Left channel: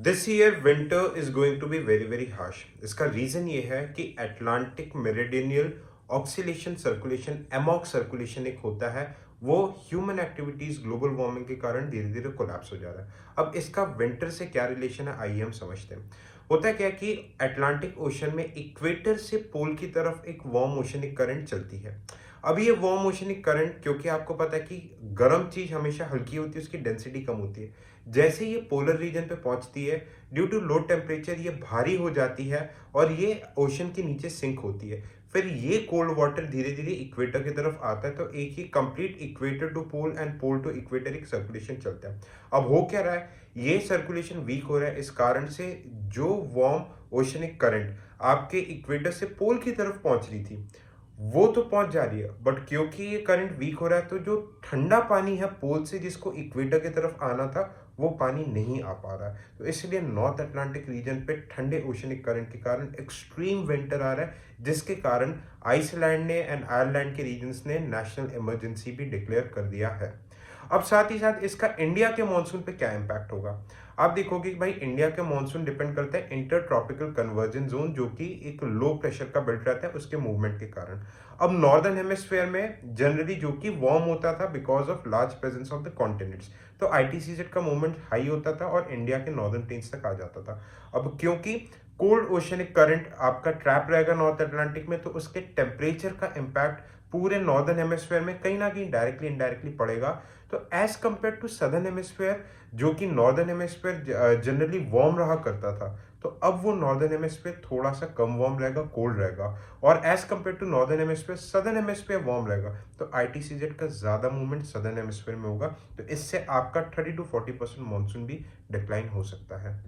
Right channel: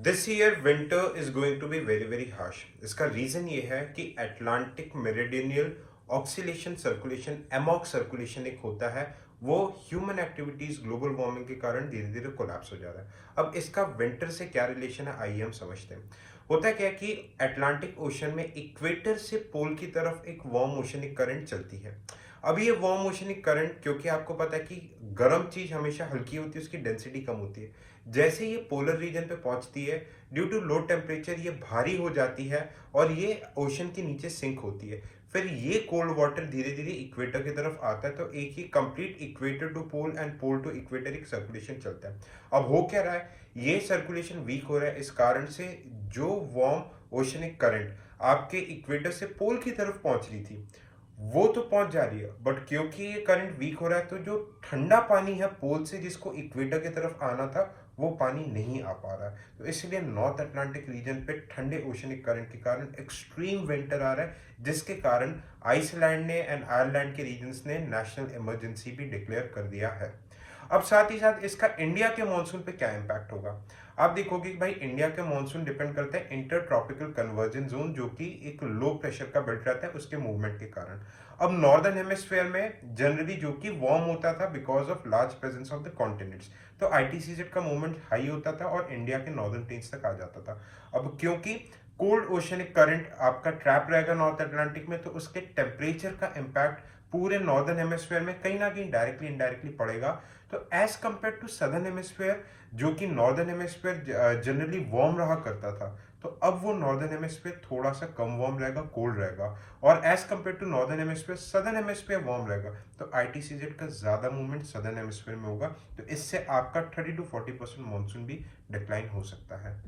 This year winter is going to be very very harsh. इसका reason ये है कि Atlantic meridional oscillation circulation AMOC circulation एक होता है, वो ह्यूमन एक्टिविटीज ग्लोबल वार्मिंग के कारण धीरे धीरे कोलैप्स हो जा रहा है। अब इसका विंटर से क्या रिलेशन है, आइए हम समझते हैं। होता क्या कि अटलांटिक ओशन में इक्वेटर से पोल की तरफ एक वार्म ओशनिक करंट चलती है। अब ये वार्म ओशनिक करंट, क्योंकि आपको पता है कि गर्म चीज हमेशा हल्की होती है, उसकी डेंसिटी कम होती है। जैसे ये पोलर रीजन पे पहुंचती है, ड्यू टू लो टेम्परेचर ये भारी हो जाती है और ये ओशन के नीचे सिंक होती है। फिर ये कोल्ड वाटर धीरे धीरे इक्वेटर की तरफ आता है, तो एक ही complete equator to pole and pole to equator एक सर्कुलेशन चलता है। अब हो क्या रहा है, ये सर्कुलेशन वीक हो रहा है। इस कारण से जो वार्म ओशनिक करंट आपके इक्वेटर से पोल की तरफ पहुंच रही थी, वो तो पहुंच जा रही है, बट क्योंकि ये करंट वीक हो रहा है, तो जो ठंडा पानी है पोल से जिसको इक्वेटर की तरफ आना था, वो पानी नहीं आ पा रहा है। तो इसलिए नॉर्थ अटलांटिक रीजन पे ठंडे ओशनिक करंट के कारण एक्सट्रीम विंटर आ रहा है, जिसके कारण आइसलैंड ने एंड आयरलैंड के रीजन्स ने नेशनल इमरजेंसी भी डिक्लेयर कर दिया है। अब साथ ही साथ इसका इंडिया के मॉनसून पे क्या इम्पैक्ट होगा। आप देखोगे कि भाई इंडिया के मॉनसून डिपेंड करता है इंटर ट्रॉपिकल कन्वर्जन जोन, जो कि एक लो प्रेशर का बेल्ट रहता है, उसके मूवमेंट के कारण। अब नॉर्दर्न हेमिस्फीयर में जनरली जो कि वार्म होता था because of large presence of the continents, तो आईटीसीजेड का मूवमेंट हाई होता था और इंडिया के नॉर्दर्न प्लेन्स तक आ जाता था। अब क्योंकि कोल्ड ओशनिक करंट आपका ट्रैप रहेगा नॉर्थ अटलांटिक में, तो उसके टेम्परेचर का इम्पैक्ट पूरे नॉर्दर्न हेमिस्फीयर में कहीं ना कहीं डायरेक्टली इनडायरेक्टली पड़ेगा। तो as compare to southern hemisphere, जो कि नॉर्दर्न हेमिस्फीयर जनरली वार्म रहा करता था, तो अब वो नॉर्दर्न हेमिस्फीयर थोड़ा सा कम वार्म रहेगा, कोल्ड रहेगा। और as compare to northern hemisphere, southern hemisphere warm रहेगा, तो आईटीसीजेड का ज्यादा मूवमेंट सदर्न हेमिस्फीयर में होगा। तो इससे आपका 30 to 40% मानसून भी डिक्लाइन हो सकता है।